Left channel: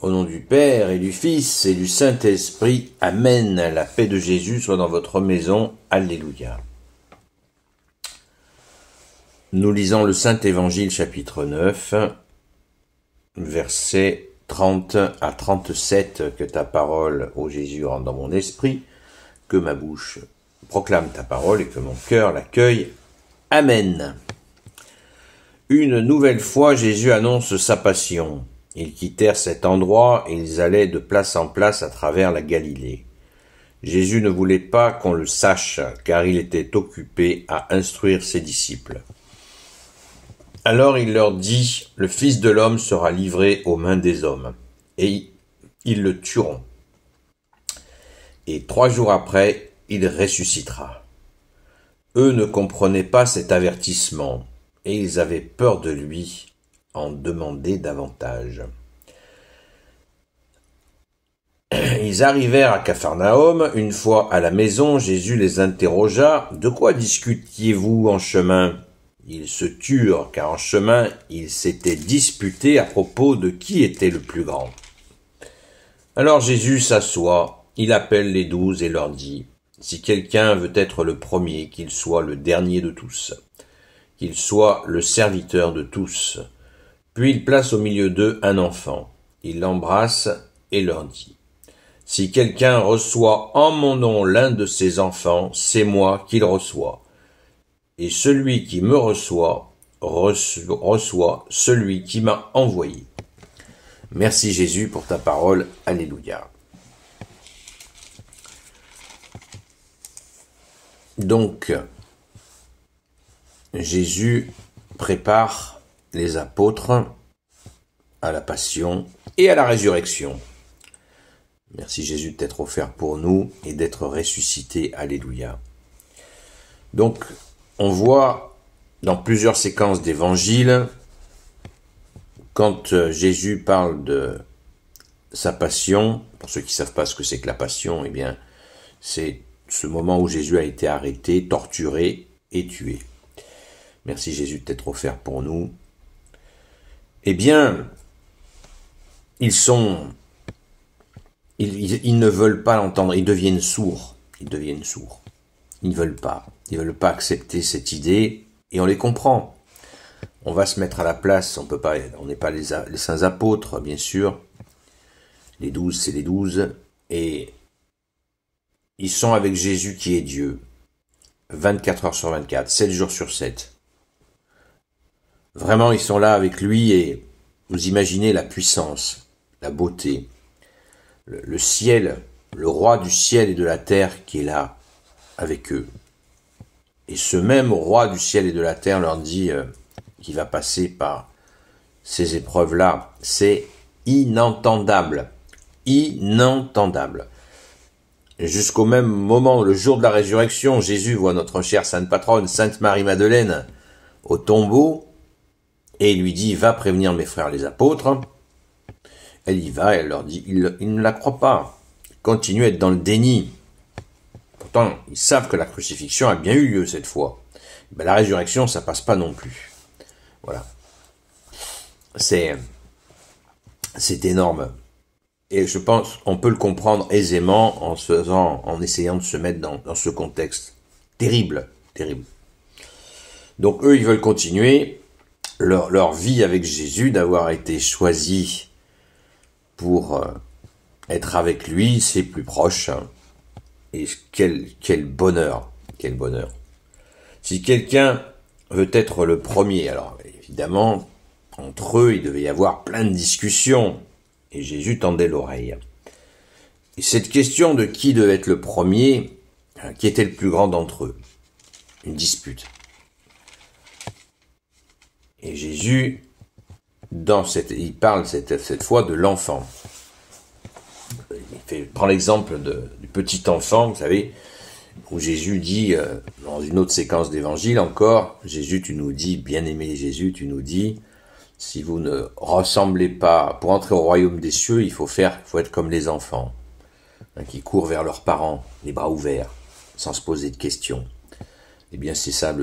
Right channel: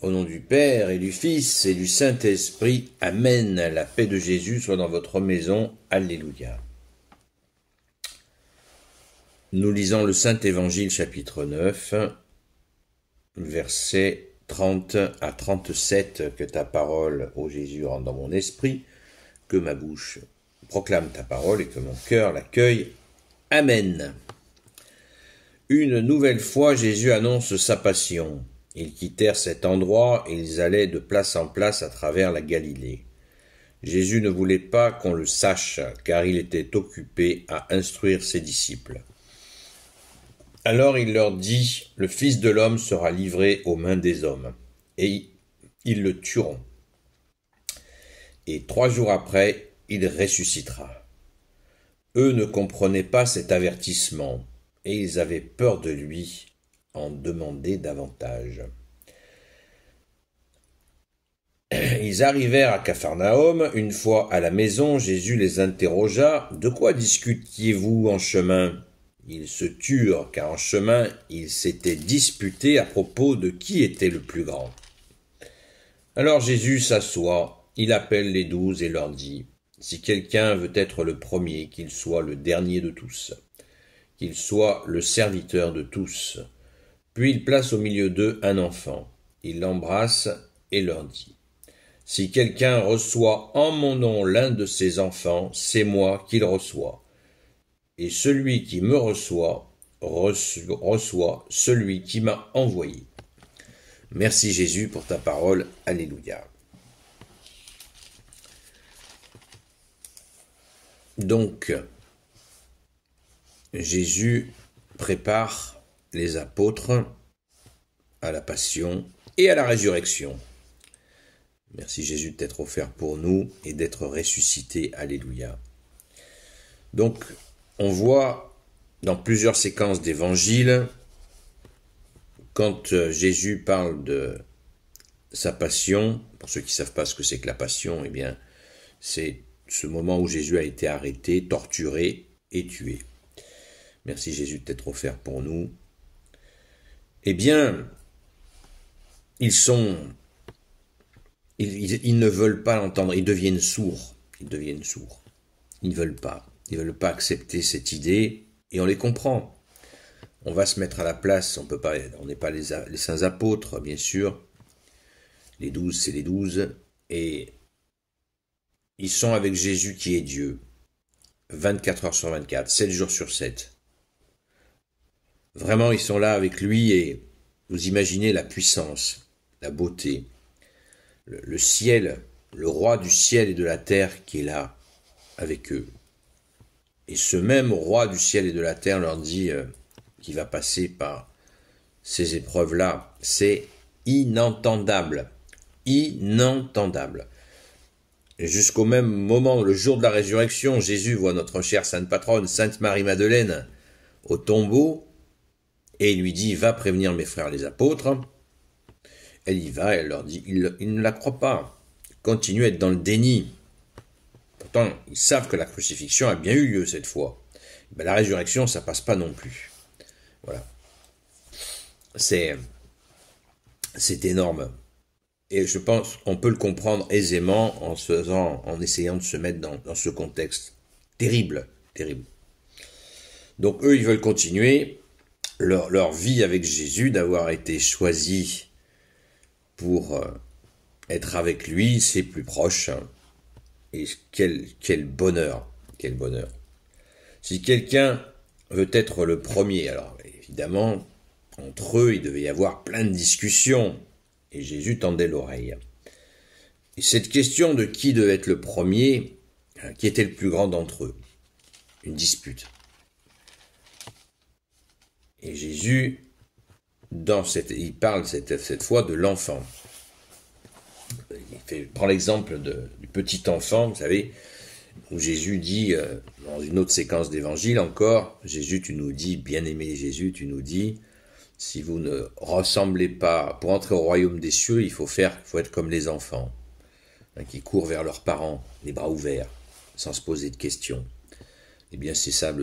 Au nom du Père et du Fils et du Saint-Esprit, Amen. La paix de Jésus soit dans votre maison. Alléluia. Nous lisons le Saint-Évangile chapitre 9, versets 30 à 37. Que ta parole, ô Jésus, rentre dans mon esprit, que ma bouche proclame ta parole et que mon cœur l'accueille. Amen. Une nouvelle fois, Jésus annonce sa passion. Ils quittèrent cet endroit et ils allaient de place en place à travers la Galilée. Jésus ne voulait pas qu'on le sache, car il était occupé à instruire ses disciples. Alors il leur dit, « Le Fils de l'homme sera livré aux mains des hommes, et ils le tueront. Et 3 jours après, il ressuscitera. » Eux ne comprenaient pas cet avertissement, et ils avaient peur de lui, en demander davantage. Ils arrivèrent à Capharnaüm. Une fois à la maison, Jésus les interrogea. « De quoi discutiez-vous en chemin ?» Ils se turent, car en chemin, ils s'étaient disputés à propos de qui était le plus grand. Alors Jésus s'assoit, il appelle les 12 et leur dit, « Si quelqu'un veut être le premier, qu'il soit le dernier de tous, qu'il soit le serviteur de tous. » Puis il place au milieu d'eux un enfant. Il l'embrasse et leur dit, « Si quelqu'un reçoit en mon nom l'un de ces enfants, c'est moi qu'il reçoit. Et celui qui me reçoit, reçoit celui qui m'a envoyé. » Merci Jésus pour ta parole. Alléluia. Donc, Jésus prépare les apôtres à la passion et à la résurrection. Merci Jésus d'être offert pour nous et d'être ressuscité. Alléluia. Donc, on voit dans plusieurs séquences d'évangile, quand Jésus parle de sa passion, pour ceux qui ne savent pas ce que c'est que la passion, eh bien, c'est ce moment où Jésus a été arrêté, torturé et tué. Merci Jésus d'être offert pour nous. Eh bien, ils ne veulent pas l'entendre, ils deviennent sourds. Ils ne veulent pas accepter cette idée, et on les comprend. On va se mettre à la place, on n'est pas les saints apôtres, bien sûr. Les 12, c'est les 12, et ils sont avec Jésus qui est Dieu, 24 heures sur 24, 7 jours sur 7. Vraiment, ils sont là avec lui, et vous imaginez la puissance, la beauté, le ciel, le roi du ciel et de la terre qui est là avec eux. Et ce même roi du ciel et de la terre leur dit qu'il va passer par ces épreuves-là. C'est inentendable. Inentendable. Et jusqu'au même moment, le jour de la résurrection, Jésus voit notre chère sainte patronne, Sainte Marie-Madeleine, au tombeau, et il lui dit, « Va prévenir mes frères les apôtres. » Elle y va, et elle leur dit, ils ne la croient pas. Ils continuent à être dans le déni. Pourtant, ils savent que la crucifixion a bien eu lieu cette fois. Ben, la résurrection, ça passe pas non plus. Voilà. C'est énorme. Et je pense qu'on peut le comprendre aisément en essayant de se mettre dans ce contexte. Terrible, terrible. Donc eux, ils veulent continuer leur vie avec Jésus, d'avoir été choisis pour être avec lui, c'est plus proche. Et quel bonheur, quel bonheur. Si quelqu'un veut être le premier, alors évidemment, entre eux, il devait y avoir plein de discussions, et Jésus tendait l'oreille. Et cette question de qui devait être le premier, qui était le plus grand d'entre eux, une dispute. Et Jésus, il parle cette fois de l'enfant. Il prend l'exemple du petit enfant, vous savez, où Jésus dit, dans une autre séquence d'évangile encore, Jésus, tu nous dis, bien-aimé Jésus, tu nous dis, si vous ne ressemblez pas, pour entrer au royaume des cieux, il faut être comme les enfants, qui courent vers leurs parents, les bras ouverts, sans se poser de questions. Eh bien, c'est ça,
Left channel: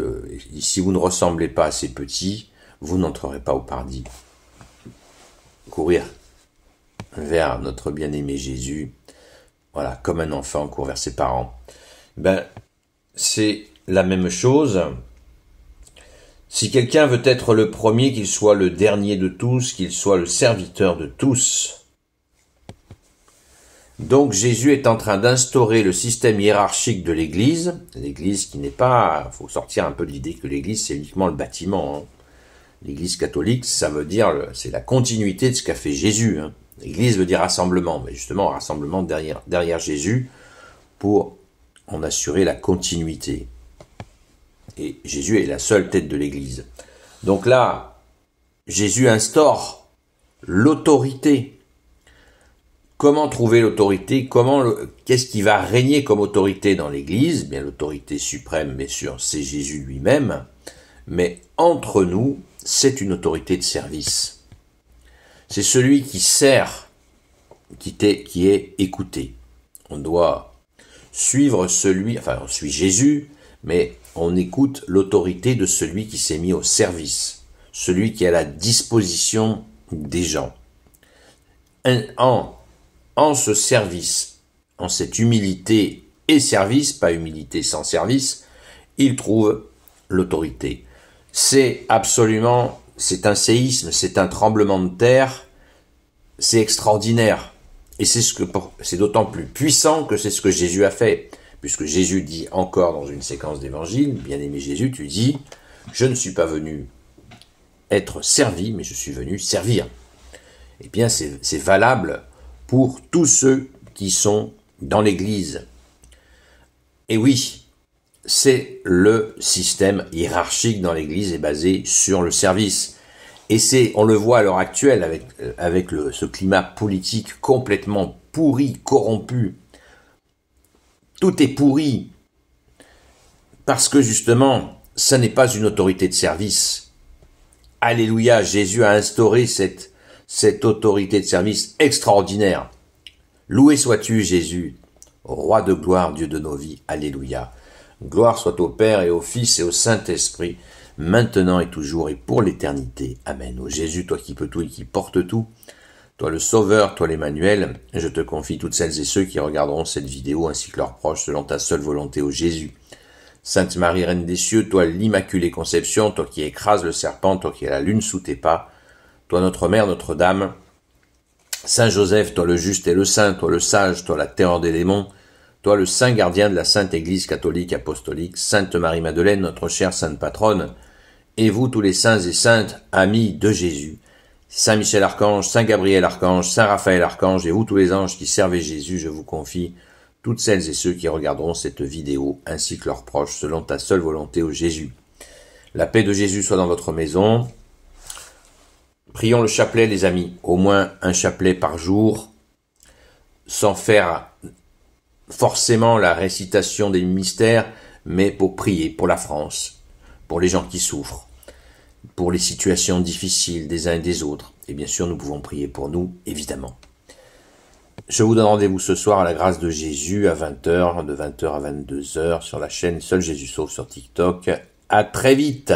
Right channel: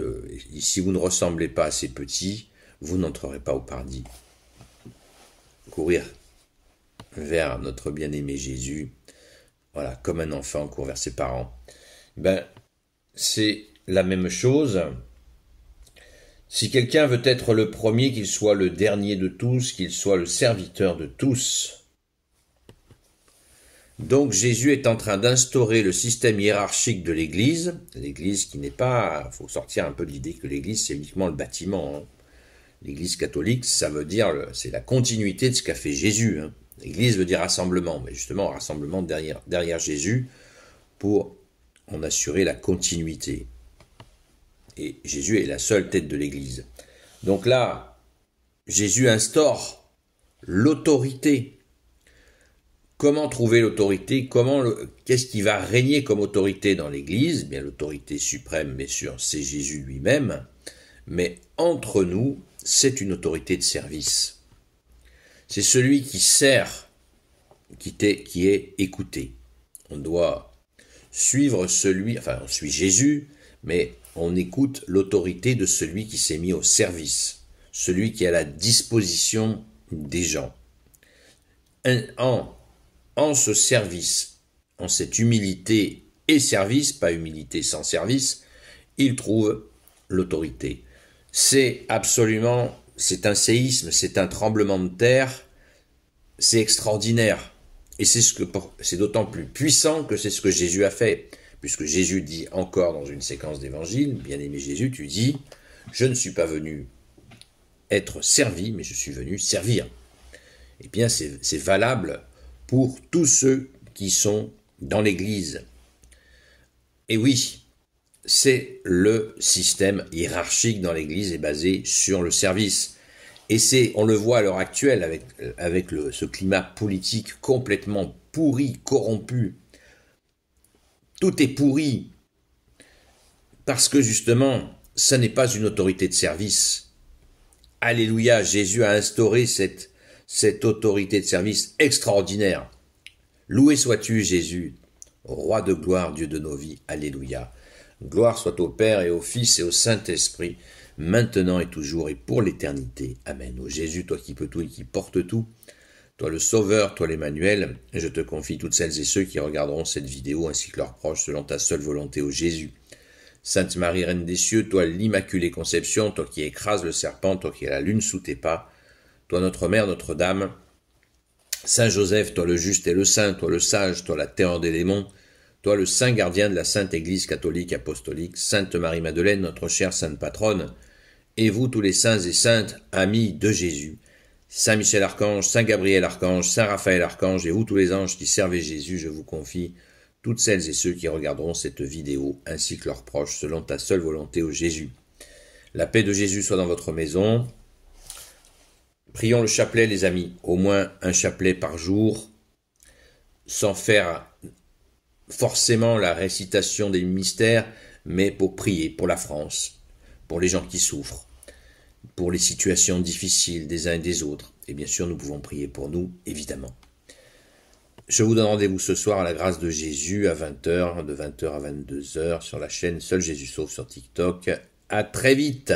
si vous ne ressemblez pas à ces petits, vous n'entrerez pas au paradis. Courir vers notre bien-aimé Jésus, voilà, comme un enfant court vers ses parents. C'est la même chose. Si quelqu'un veut être le premier, qu'il soit le dernier de tous, qu'il soit le serviteur de tous. Donc Jésus est en train d'instaurer le système hiérarchique de l'Église. L'Église qui n'est pas... Il faut sortir un peu de l'idée que l'Église c'est uniquement le bâtiment. Hein. L'Église catholique, ça veut dire, c'est la continuité de ce qu'a fait Jésus. Hein. L'Église veut dire rassemblement, mais justement rassemblement derrière Jésus pour en assurer la continuité. Et Jésus est la seule tête de l'Église. Donc là, Jésus instaure l'autorité. Comment trouver l'autorité? Qu'est-ce qui va régner comme autorité dans l'Église? Bien, l'autorité suprême, bien sûr, c'est Jésus lui-même. Mais entre nous, c'est une autorité de service. C'est celui qui sert, qui est écouté. On doit suivre on suit Jésus, mais on écoute l'autorité de celui qui s'est mis au service, celui qui est à la disposition des gens. En ce service, en cette humilité et service, pas humilité sans service, il trouve l'autorité. C'est un séisme, c'est un tremblement de terre, c'est extraordinaire. Et c'est d'autant plus puissant que c'est ce que Jésus a fait. Puisque Jésus dit encore dans une séquence d'évangile, bien-aimé Jésus, tu dis, je ne suis pas venu être servi, mais je suis venu servir. Eh bien, c'est valable pour tous ceux qui sont dans l'Église. Et oui, c'est le système hiérarchique dans l'Église est basé sur le service. Et on le voit à l'heure actuelle avec ce climat politique complètement pourri, corrompu. Tout est pourri parce que justement, ça n'est pas une autorité de service. Alléluia, Jésus a instauré cette autorité de service extraordinaire. Loué sois-tu, Jésus, roi de gloire, Dieu de nos vies. Alléluia. Gloire soit au Père et au Fils et au Saint-Esprit, maintenant et toujours et pour l'éternité. Amen. Ô Jésus, toi qui peux tout et qui portes tout, toi le Sauveur, toi l'Emmanuel, je te confie toutes celles et ceux qui regarderont cette vidéo ainsi que leurs proches selon ta seule volonté, ô Jésus. Sainte Marie, Reine des cieux, toi l'Immaculée Conception, toi qui écrases le serpent, toi qui as la lune sous tes pas, toi notre Mère, Notre-Dame, Saint Joseph, toi le juste et le saint, toi le sage, toi la terreur des démons, toi le saint gardien de la Sainte Église catholique apostolique, Sainte Marie-Madeleine, notre chère Sainte Patronne, et vous tous les saints et saintes, amis de Jésus, Saint Michel Archange, Saint Gabriel Archange, Saint Raphaël Archange, et vous tous les anges qui servez Jésus, je vous confie toutes celles et ceux qui regarderont cette vidéo, ainsi que leurs proches, selon ta seule volonté, ô Jésus. La paix de Jésus soit dans votre maison. Prions le chapelet, les amis, au moins un chapelet par jour, sans faire forcément la récitation des mystères, mais pour prier pour la France, pour les gens qui souffrent, pour les situations difficiles des uns et des autres. Et bien sûr, nous pouvons prier pour nous, évidemment. Je vous donne rendez-vous ce soir à la grâce de Jésus à 20h, de 20h à 22h sur la chaîne Seul Jésus Sauve sur TikTok. À très vite!